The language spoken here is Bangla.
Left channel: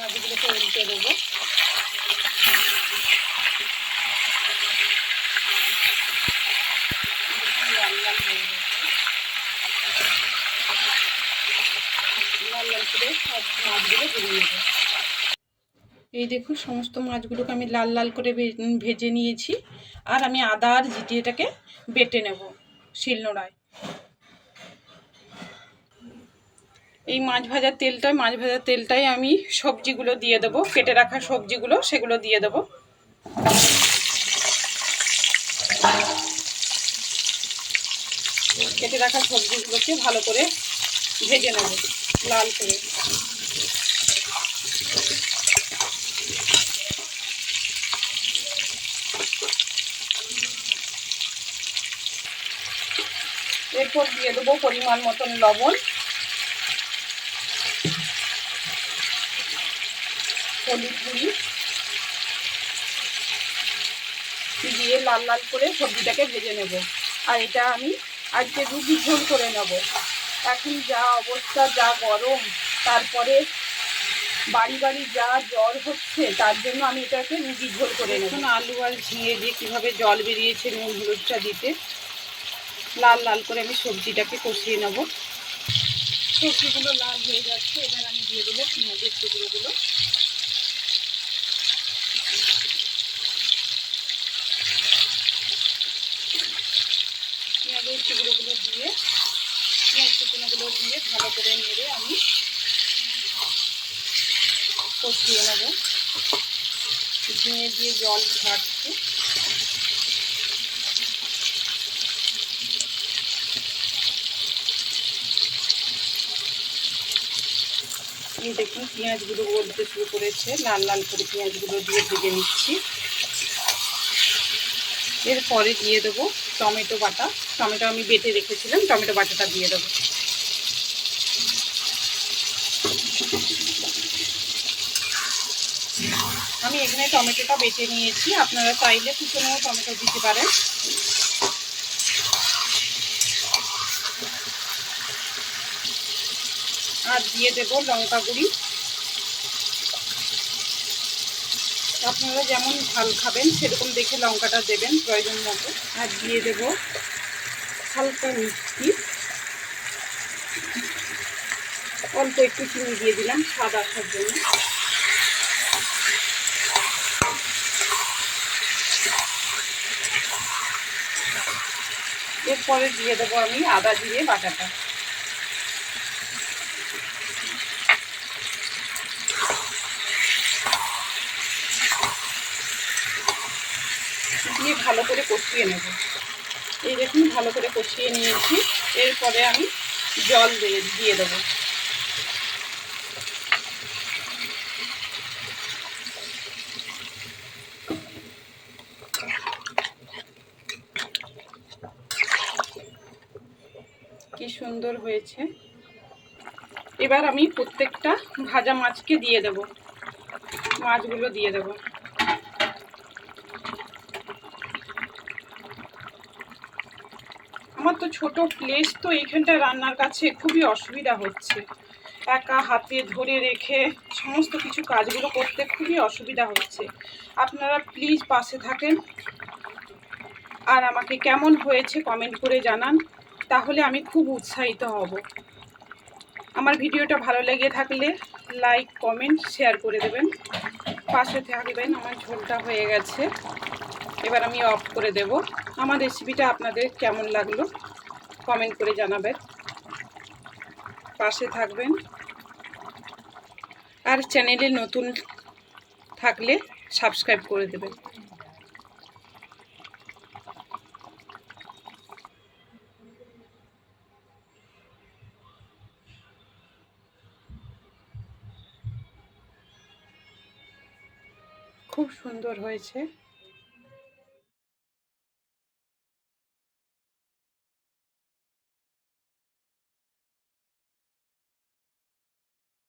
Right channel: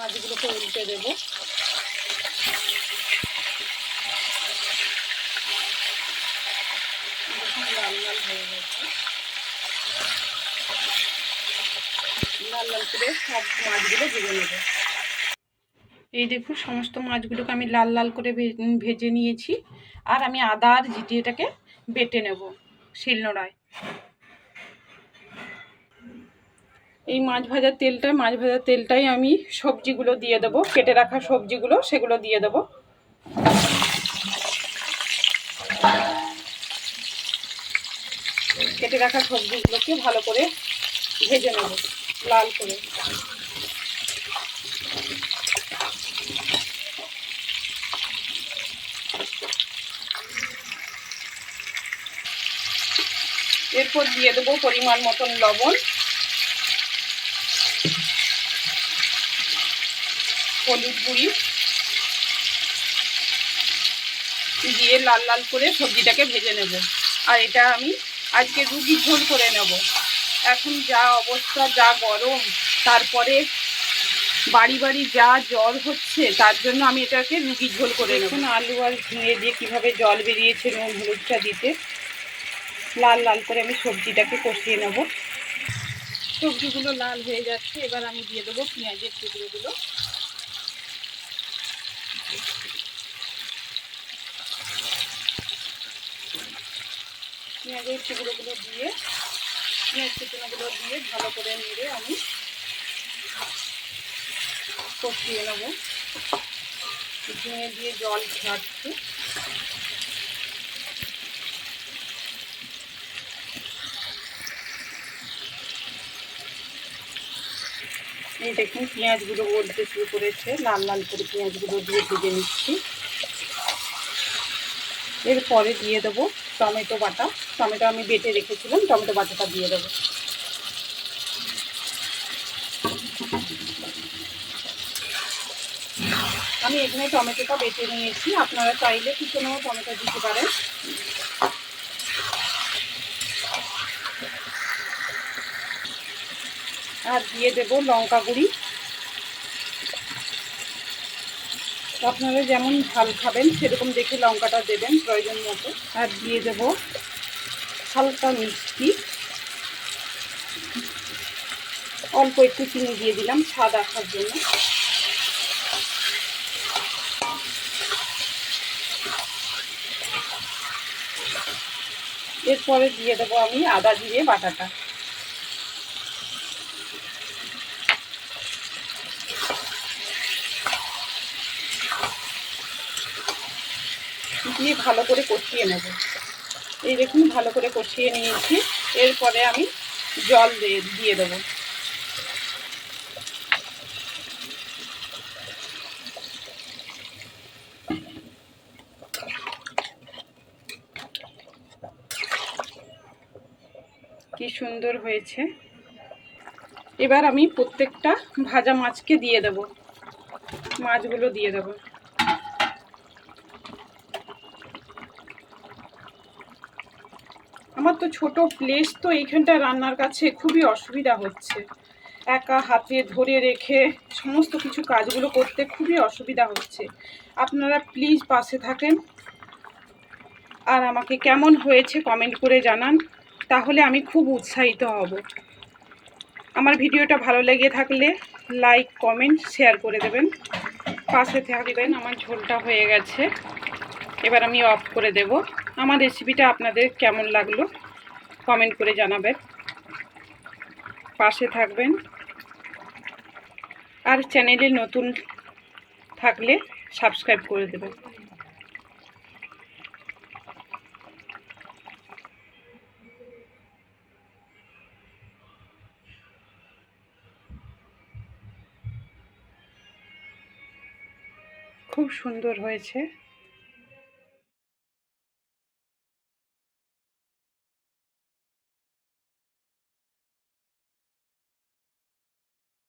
মাছগুলোকে উল্টে দেবো। লাল লাল হয়ে গেছে, লাল লাল করে সব মাছগুলো ভেজে নেব। এই দেখুন সমস্ত মাছগুলোকে আমি লাল লাল করে ভেজে নিয়েছি। আর আমি আদা আর জিরেটাকে বেটে নেব শিলনোড়ায়। এই মাছ ভাজার তেলটাই আমি সবজিগুলো দিয়ে দেবো, কেটে রাখা সবজিগুলো সেগুলো দিয়ে দেবো। কেটে রাখা সবজিগুলোকে ভালো করে ভেজে নেব লাল করে। এরপর দিয়ে দেবো পরিমাণ মতন লবণ, হলুদ গুঁড়ি দিয়ে লাল লাল করে সবজিটাকে ভেজে নেব। আর এটা আমি আজকে রুগী ঝোল করে নেব। এখন যা অবস্থা, যা গরম, তারপরে বাড়ি বাড়ি যা জ্বর হচ্ছে, তার জন্য আমি এটাকে রুগী ঝোল করে নেব। এখন আলু আর ঝিঙে দিয়ে কীভাবে জল বেরিয়েছে নুন হলুদটা দিতে লাল লাল করে আমি সবজিটাকে কষিয়ে নেব। সবজিগুলো লাল হয়ে যাচ্ছে, এবার আমি দিয়ে দেবো পেঁয়াজের টুকরোগুলো। পেঁয়াজের টুকরোগুলো দিয়ে ভালো করে নেড়ে আমি কষিয়ে নেব। ঝিঙে দিয়ে জল ছাড়ছে। এই দেখুন পেঁয়াজগুলো গলতে শুরু করেছে, লাল লাল করে পেঁয়াজগুলো দিয়ে ভেজে নিচ্ছি। এরপরে দিয়ে দেবো টমেটো বাটা। টমেটো আমি বেটে রেখেছিলাম, টমেটো বাটাটা দিয়ে দেবো। আমি এখানে টমেটোটা বেটে নিয়েছি, আপনারা চাইলে কুচনোও টমেটো দিতে পারেন। আর দিয়ে দেব লঙ্কা গুঁড়ি। আপনারা যেমন ঝাল খাবেন সেরকম দেখে লঙ্কাটা দেবেন প্রয়োজন মতো। আর দিয়ে দেব হালকা মিষ্টি, অল্প একটু চিনি দিয়ে দিলাম স্বাদ আসার জন্য। এরপরে দিয়ে দেবো আমি আদা জিরে বাটাটা। দিয়ে ভালো করে কষিয়ে নেব। এই দেখুন ভালো করে কষিয়ে নিয়েছি। এরপরে আমি জল দিয়ে দেবো। কি সুন্দর হয়েছে। এবার আমি প্রত্যেকটা ভাজা মাছকে দিয়ে দেব, মাছগুলো দিয়ে দেব। আমার তো ছোট প্লেস, তো এইখানটা রান্নার কাছে খুবই অসুবিধা হচ্ছে। একা হাতে ধরে রেখে সমস্ত কিছু কাজগুলো করতে খুবই অসুবিধা হচ্ছে। আপনারা প্লিজ পাশে থাকেন আর আমাকে কেমন হয়েছে কমেন্ট করে জানান, তাহলে আমি খুব উৎসাহিত হব। আমার ভিডিওটা ভালো লেগে থাকলে লাইক কমেন্ট শেয়ার করে দেবেন, পাশে থাকবেন। আমার ঝোলটা হয়ে গেছে, এবার আমি অফ করে দেব। আমার রেসিপিটা আপনাদের কেমন লাগলো কমেন্ট করে জানাবেন, পাশে থাকবেন। আর চ্যানেলে নতুন থাকলে সাবস্ক্রাইব করে দেবেন। খুব সুন্দর হয়েছে।